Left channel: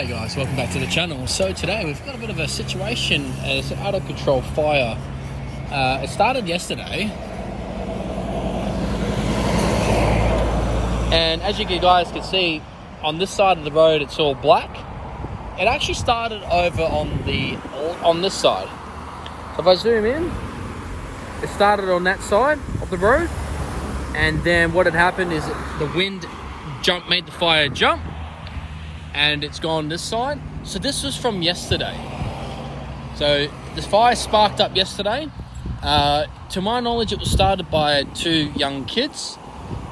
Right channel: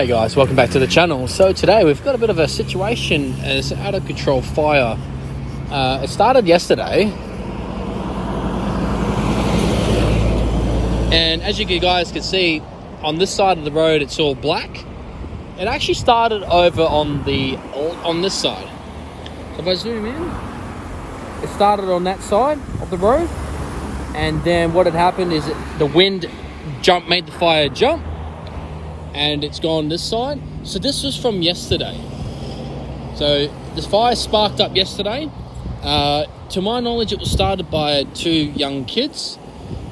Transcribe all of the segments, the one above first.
Hey guys, welcome back to the channel. So today we've got a bit of a situation, and it's an out of control fire. It started yesterday, and as you guys can see on this side of the road it's all black. It actually started over on this side. So if I zoom in, it started on that side of the road, and then what had happened is the wind made the fire jump, and it's gone this side. So this was from yesterday. So the fire sparked up yesterday. To my knowledge, it was started by two young kids,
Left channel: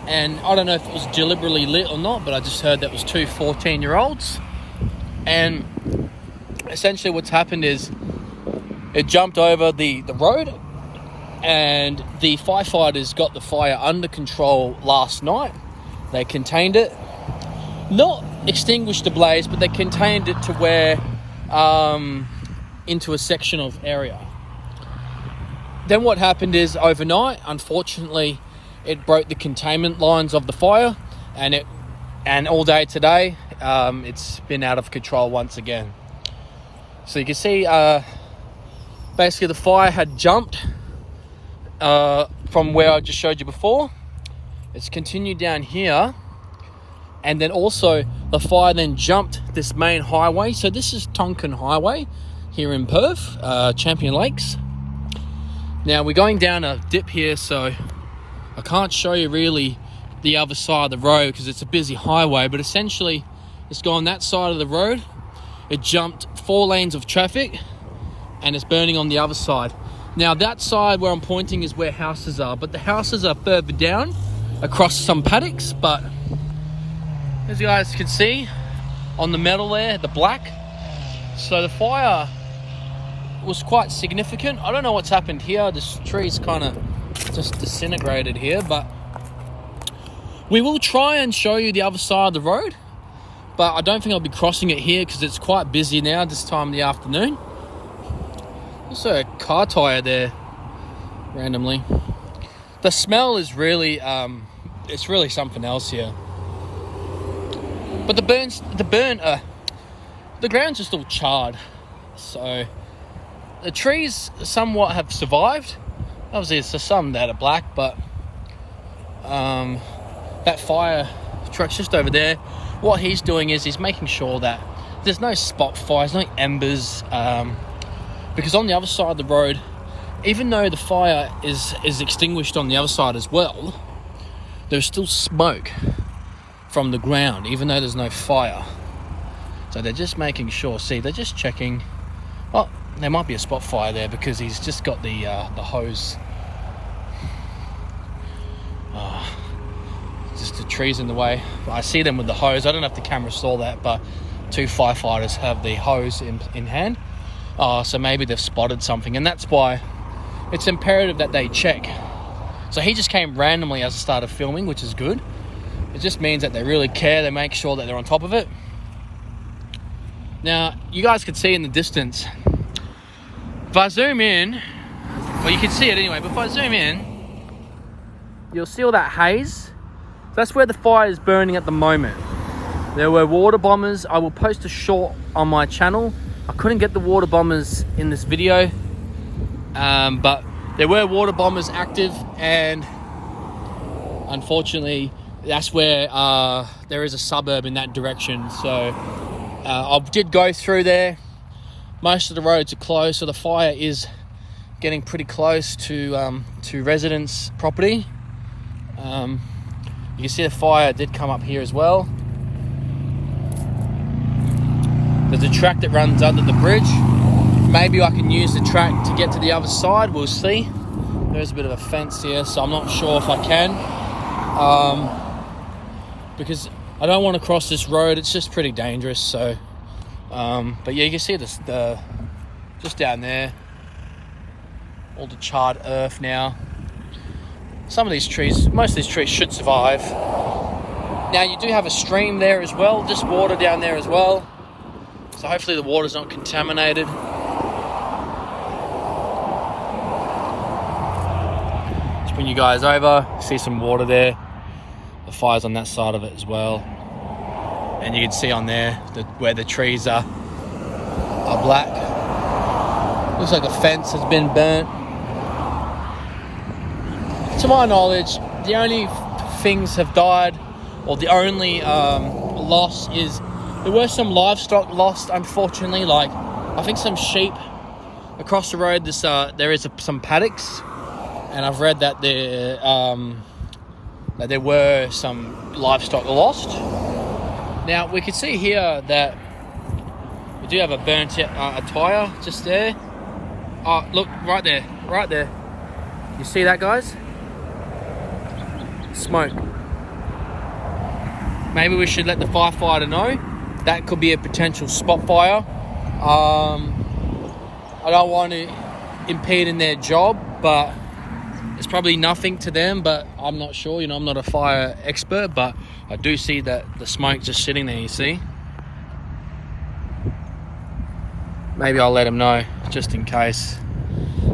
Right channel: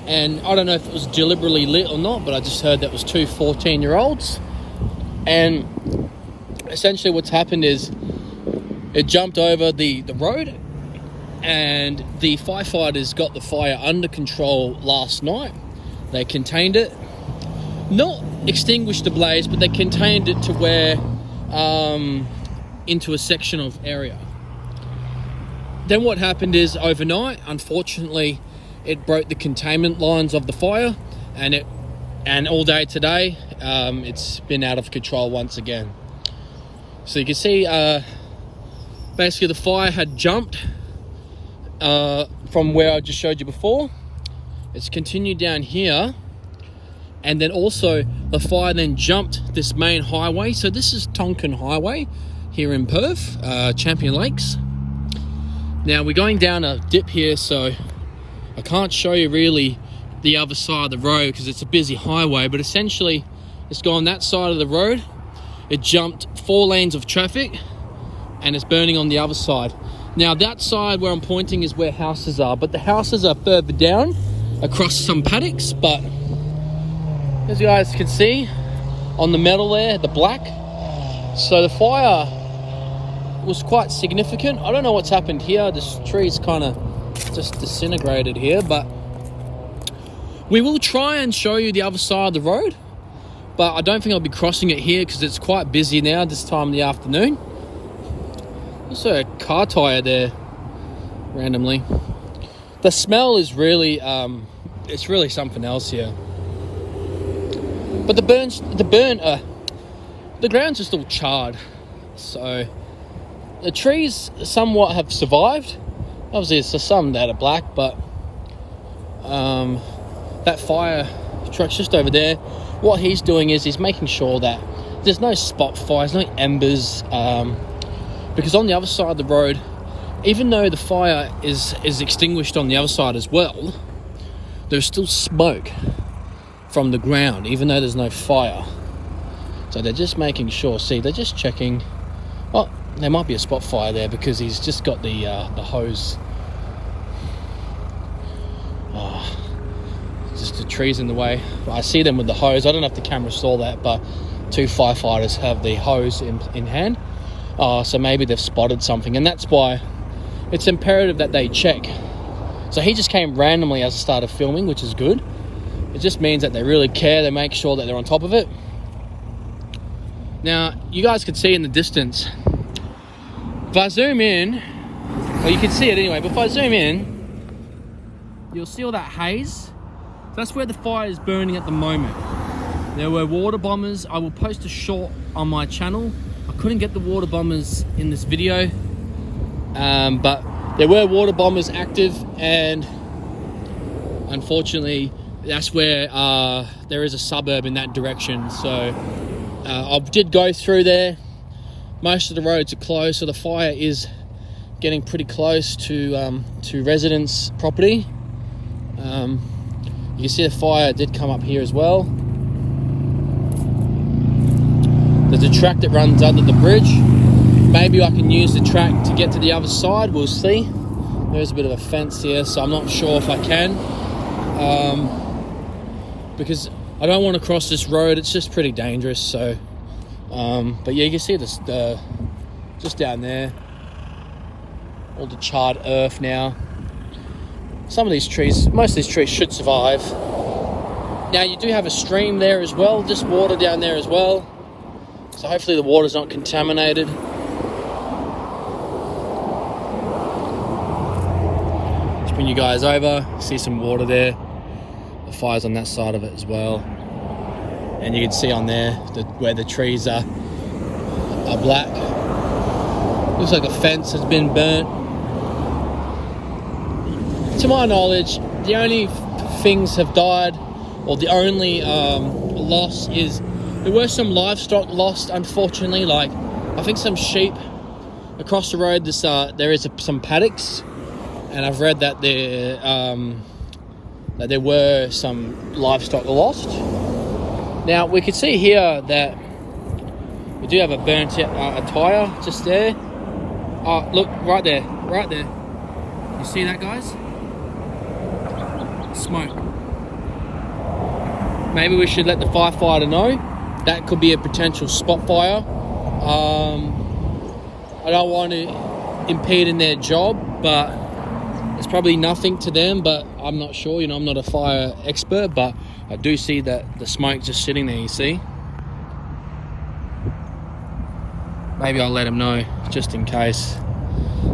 and I don't know if it was deliberately lit or not, but I just heard that was two 14-year-olds. And essentially what's happened is it jumped over the road, and the firefighters got the fire under control last night. They contained it, not extinguished the blaze, but they contained it to where into a section of area. Then what happened is overnight, unfortunately, it broke the containment lines of the fire, and all day today it's been out of control once again. So you can see basically the fire had jumped from where I just showed you before. It's continued down here, and then also the fire then jumped this main highway. So this is Tonkin Highway here in Perth, Champion Lakes. Now we're going down a dip here, so I can't show you really the other side of the road because it's a busy highway, but essentially it's gone that side of the road. It jumped 4 lanes of traffic, and it's burning on the other side. Now that side where I'm pointing is where houses are, but the houses are further down across some paddocks. But as you guys can see on the metal there, the black, so the fire was quite significant. I don't know what's happened here. This tree's kind of just disintegrated here, but we will try and show you the other side of the road, but I don't think I'll be crossing it here because it's quite busy now this time of the afternoon. Also a car tire there randomly. The smell is really it's really something else here. But the ground's just all charred, so the trees somewhat have survived. Obviously it's some that are black, but that fire truck's just over there. What he's doing is he's making sure that there's no spot fires, no embers, because on the other side of the road, even though the fire is extinguished on the other side as well, there's still smoke from the ground, even though there's no fire. So they're just making sure. See, they're just checking. Oh, there might be a spot fire there because he's just got the hose. Just the trees in the way. I see them with the hose. I don't know if the camera saw that, but 2 firefighters have the hose in hand. So maybe they've spotted something, and that's why it's imperative that they check. So he just came randomly as I started filming, which is good. It just means that they really care. They make sure that they're on top of it. Now, you guys can see in the distance, if I zoom in, well, you can see it anyway, but if I zoom in, you'll see all that haze. That's where the fire is burning at the moment. There were water bombers. I will post a short on my channel. I couldn't get the water bombers in this video, but there were water bombers active, and unfortunately that's where there is a suburb in that direction. So I did go through there. Most of the roads are closed, so the fire is getting pretty close to residents' property. You can see the fire did come up here as well. There's a track that runs under the bridge. Maybe I can use the track to get to the other side. We'll see. There's a bit of a fence here, so I'm not sure if I can. Because I don't want to cross this road. It's just pretty dangerous. So, but yeah, you can see this just down there. All the charred earth now. Some of these trees, most of these trees should survive. Now you do have a stream there as well, just water down there as well. So hopefully the water's not contaminated. Let's bring you guys over, see some water there. The fire's on that side of it as well. and you can see on there where the trees are black. Looks like a fence has been burnt. To my knowledge, the only things have died, or the only loss is there were some livestock lost, unfortunately. Like I think some sheep across the road. There is some paddocks, and I've read that there were some livestock lost. Now we can see here that we do have a burnt a tyre just there. Oh, look, right there. You see that, guys? Smoke. Maybe we should let the firefighter know. That could be a potential spot fire. I don't want to impede in their job, but it's probably nothing to them, but I'm not sure. I'm not a fire expert, but I do see that the smoke just sitting there, you see. Maybe I'll let them know just in case.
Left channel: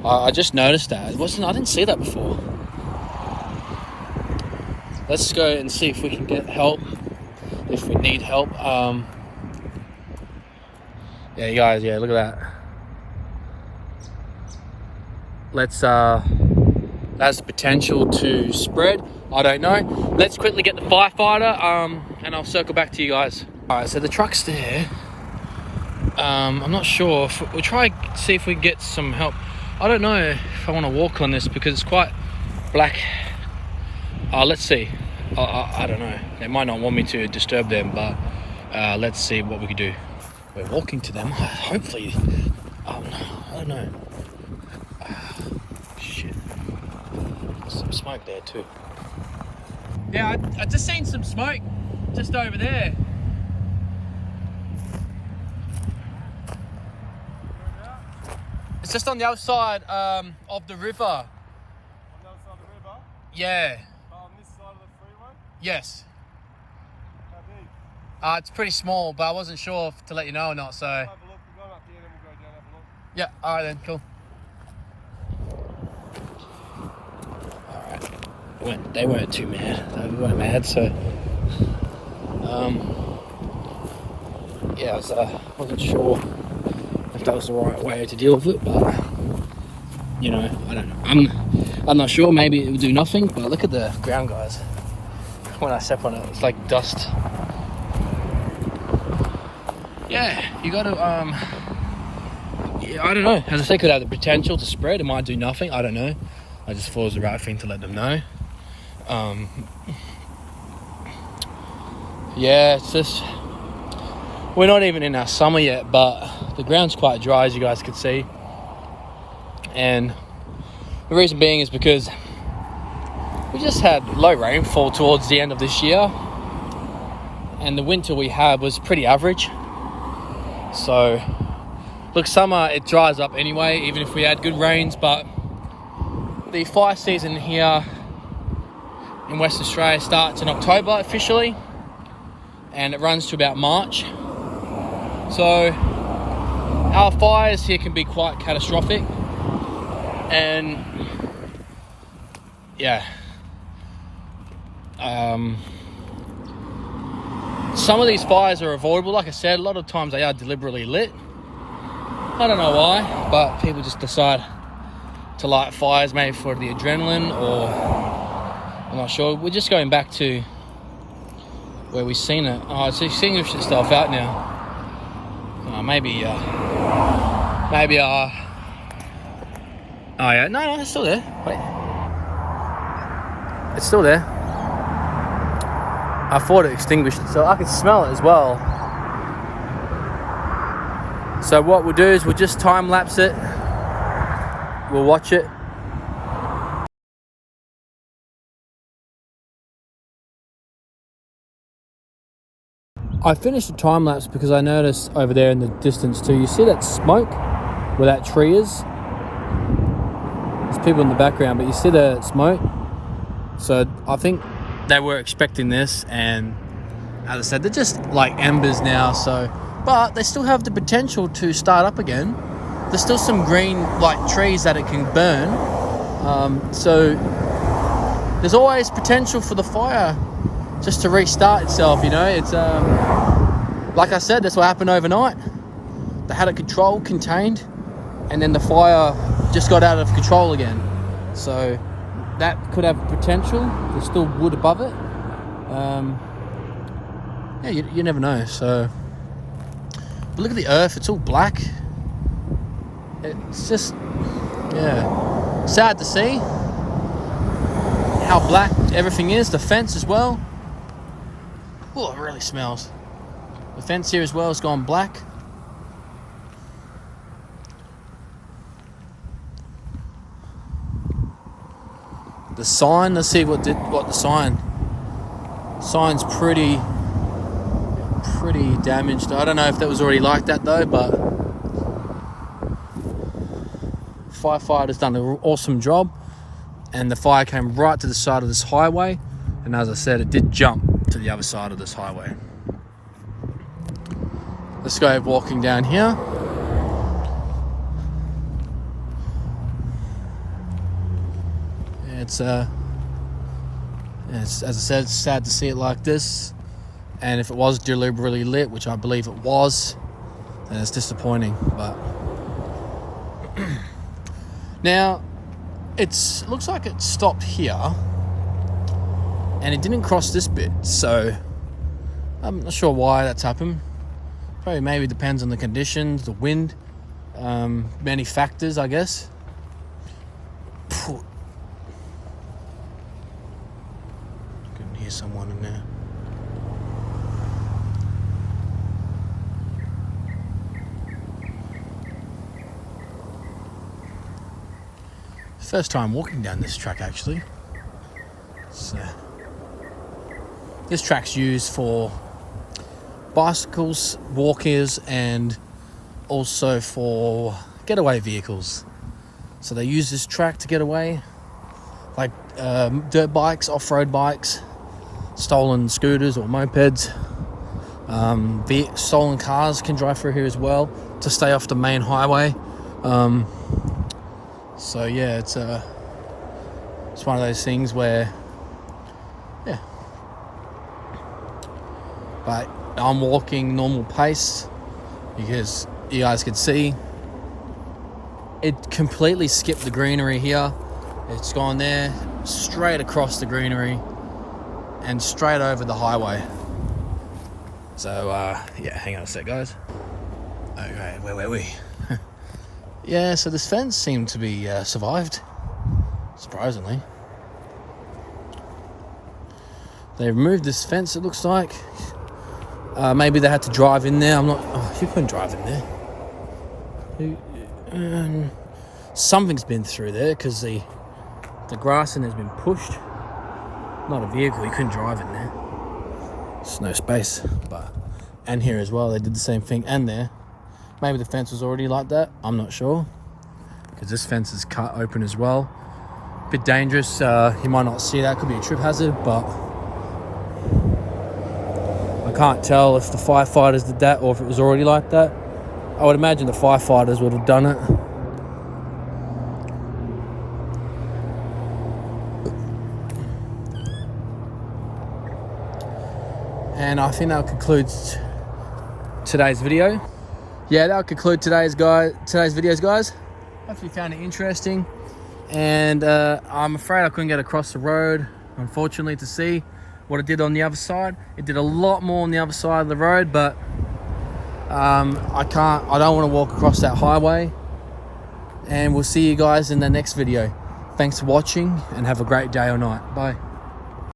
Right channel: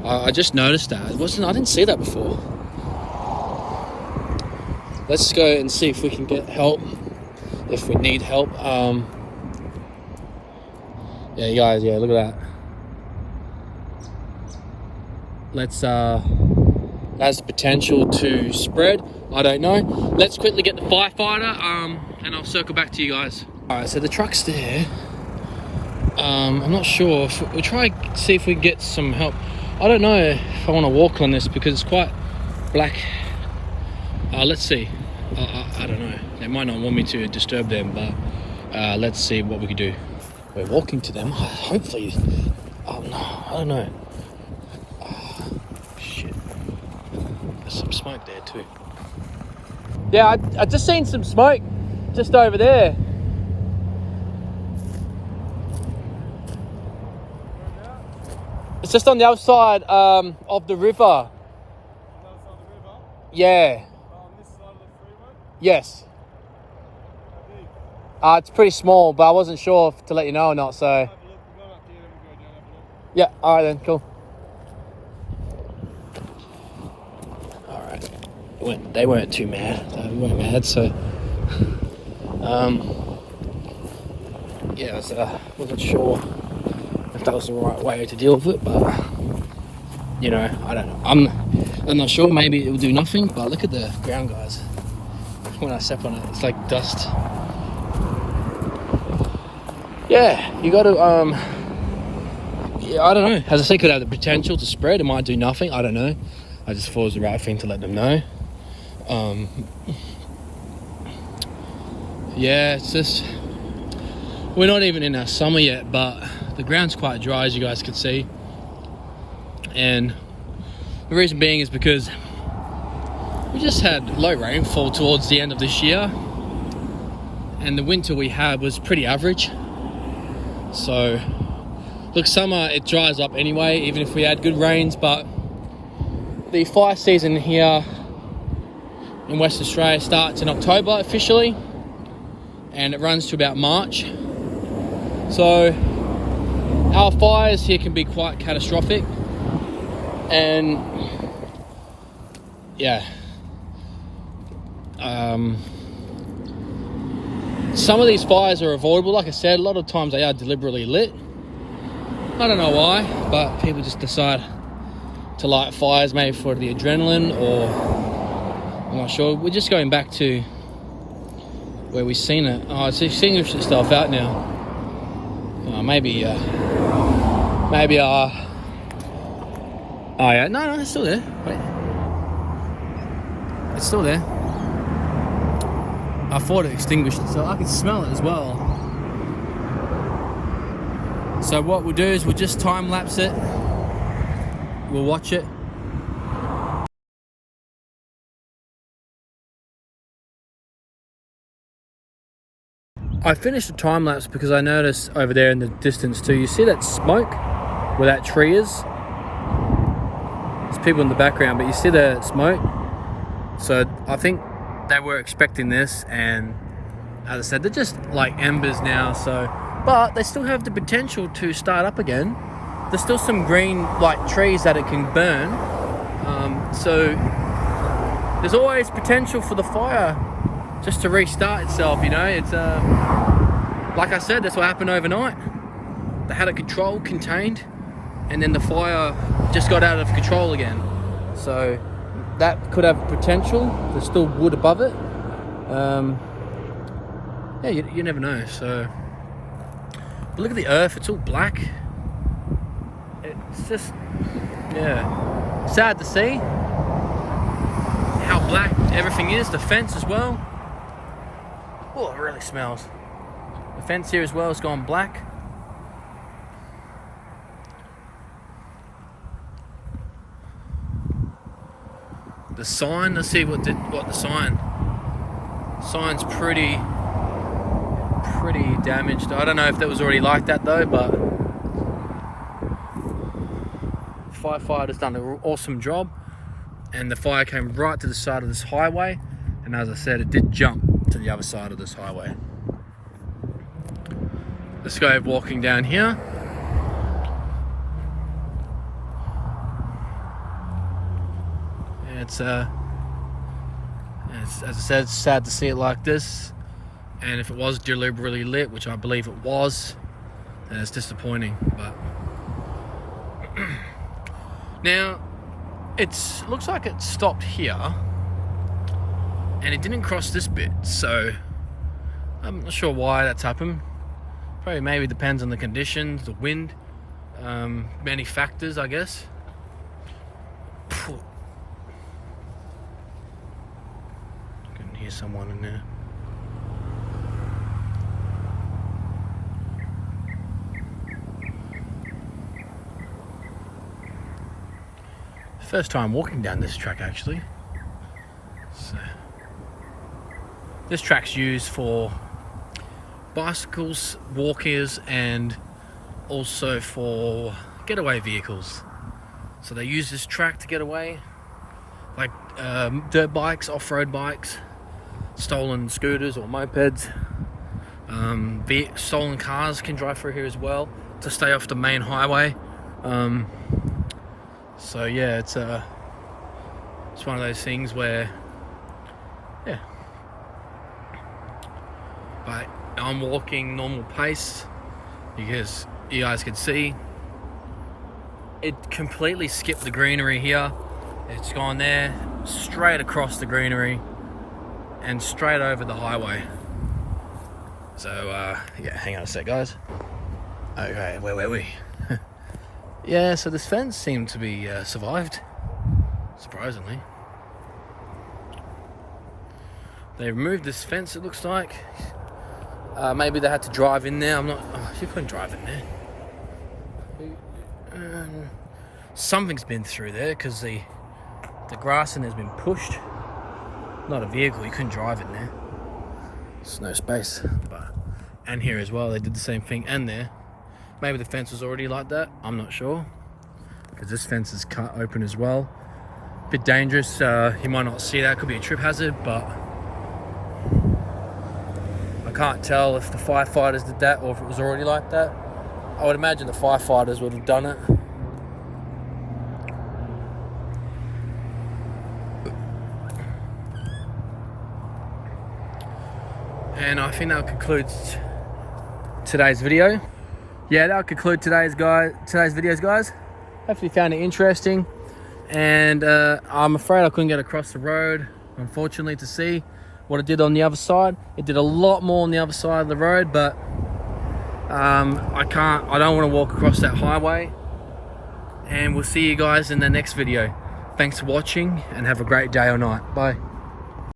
I just noticed that. I didn't see that before. Let's go and see if we can get help, if we need help. Yeah, you guys, look at that. That's potential to spread. I don't know. Let's quickly get the firefighter, and I'll circle back to you guys. All right, so the truck's there. I'm not sure. We'll try see if we can get some help. I don't know if I want to walk on this because it's quite black. Let's see. I don't know. They might not want me to disturb them, but let's see what we can do. We're walking to them. Hopefully. Oh no, I don't know. Shit. Some smoke there too. Yeah, I just seen some smoke just over there. It's just on the other side of the river. On the other side of the river? Yeah. On this side of the freeway? Yes. How big? It's pretty small, but I wasn't sure to let you know or not, so. Have a look. We'll go up here, then we'll go down and have a look. Yeah, alright then, cool. Alright. They weren't too mad. They weren't mad, so. Yeah, I wasn't sure if that was the right way to deal with it, but I'm not sure. Maybe it will do nothing, but look at the ground, guys. When I step on it, it's like dust. Yeah, you got to yeah, I don't know. As I said, could have the potential to spread. It might do nothing. I don't know. I just thought it was the right thing to let them know. Yeah, it's just we're not even in our summer yet, but the ground's quite dry, as you guys could see. And the reason being is because we just had low rainfall towards the end of this year, and the winter we had was pretty average. So look, summer it dries up anyway, even if we had good rains, but the fire season here in West Australia starts in October officially, and it runs to about March. So our fires here can be quite catastrophic, and yeah, some of these fires are avoidable. Like I said, a lot of times they are deliberately lit. I don't know why, but people just decide to light fires, maybe for the adrenaline, or I'm not sure. We're just going back to where we've seen it. Oh, it's extinguished itself out now. Maybe oh yeah, no, it's still there. Wait, it's still there. I thought it extinguished itself. I can smell it as well. So what we'll do is we'll just time lapse it. We'll watch it. I finished the time lapse because I noticed over there in the distance too, you see that smoke where that tree is? There's people in the background, but you see the smoke? So I think they were expecting this, and as I said, they're just like embers now, so, but they still have the potential to start up again. There's still some green like trees that it can burn. So there's always potential for the fire just to restart itself, it's like I said, that's what happened overnight. They had it contained, and then the fire just got out of control again. So that could have potential. There's still wood above it. Yeah, you never know. So, but look at the earth. It's all black. It's just, yeah, sad to see how black everything is. The fence as well. Oh, it really smells. The fence here as well has gone black. The sign, let's see what the sign's pretty damaged. I don't know if that was already like that though, but firefighters done an awesome job, and the fire came right to the side of this highway, and as I said, it did jump to the other side of this highway. Let's go walking down here. It's as I said, it's sad to see it like this, and if it was deliberately lit, which I believe it was, then it's disappointing. But now it looks like it stopped here and it didn't cross this bit, so I'm not sure why that's happened. Probably maybe depends on the conditions, the wind, many factors, I guess. Couldn't hear someone in there. First time walking down this track, actually. So, this track's used for bicycles, walkers, and also for getaway vehicles. So they use this track to get away, like dirt bikes, off-road bikes, stolen scooters or mopeds. Stolen cars can drive through here as well to stay off the main highway. So yeah, it's one of those things where, yeah. But I'm walking normal pace because you guys can see it completely skipped the greenery here. It's gone there, straight across the greenery and straight over the highway. So yeah, hang on a sec, guys. Okay, where were we? Yeah, so this fence seemed to be survived, surprisingly. They removed this fence, it looks like. Maybe they had to drive in there. I'm not. Oh, you couldn't drive in there. Something's been through there because the grass in there's been pushed. Not a vehicle. You couldn't drive in there. There's no space. And here as well, they did the same thing. And there, maybe the fence was already like that. I'm not sure because this fence is cut open as well. A bit dangerous. You might not see that. Could be a trip hazard, but I can't tell if the firefighters did that or if it was already like that. I would imagine the firefighters would have done it. And I think that concludes today's video. Yeah, that'll conclude today's videos, guys. Hopefully you found it interesting. And I'm afraid I couldn't get across the road, unfortunately, to see what it did on the other side. It did a lot more on the other side of the road, but I don't want to walk across that highway. And we'll see you guys in the next video. Thanks for watching and have a great day or night. Bye.